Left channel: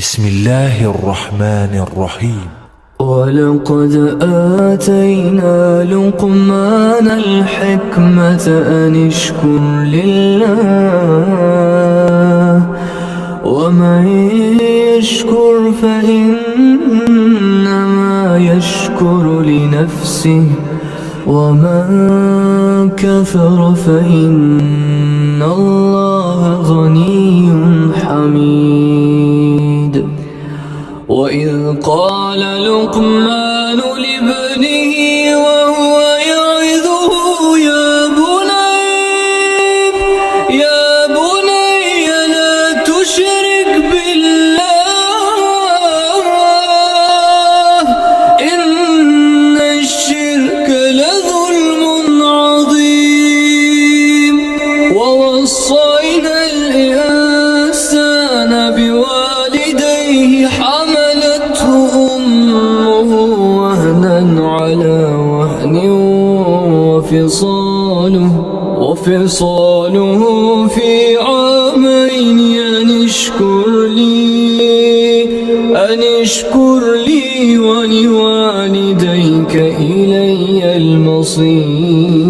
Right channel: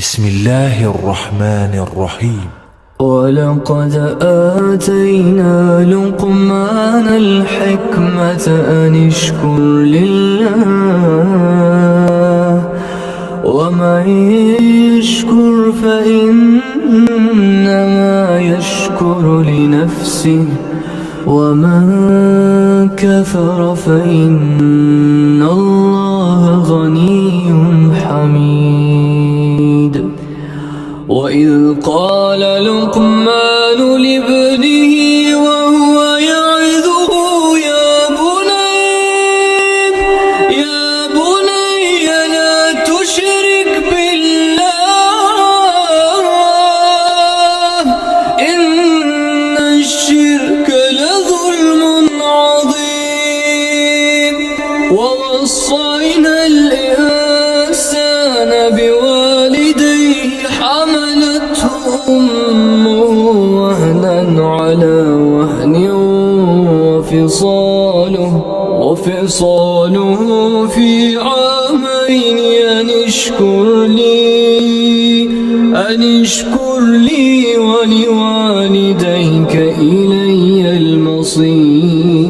بسم الله الرحمن الرحيم. ولقد آتينا لقمان الحكمة أن اشكر لله ومن يشكر فإنما يشكر لنفسه ومن كفر فإن الله غني حميد. وإذ قال لقمان لابنه وهو يعظه يا بني لا تشرك بالله إن الشرك لظلم عظيم. ووصينا الإنسان بوالديه حملته أمه وهنا على وهن وفصاله في عامين أن اشكر لي ولوالديك إلي المصير.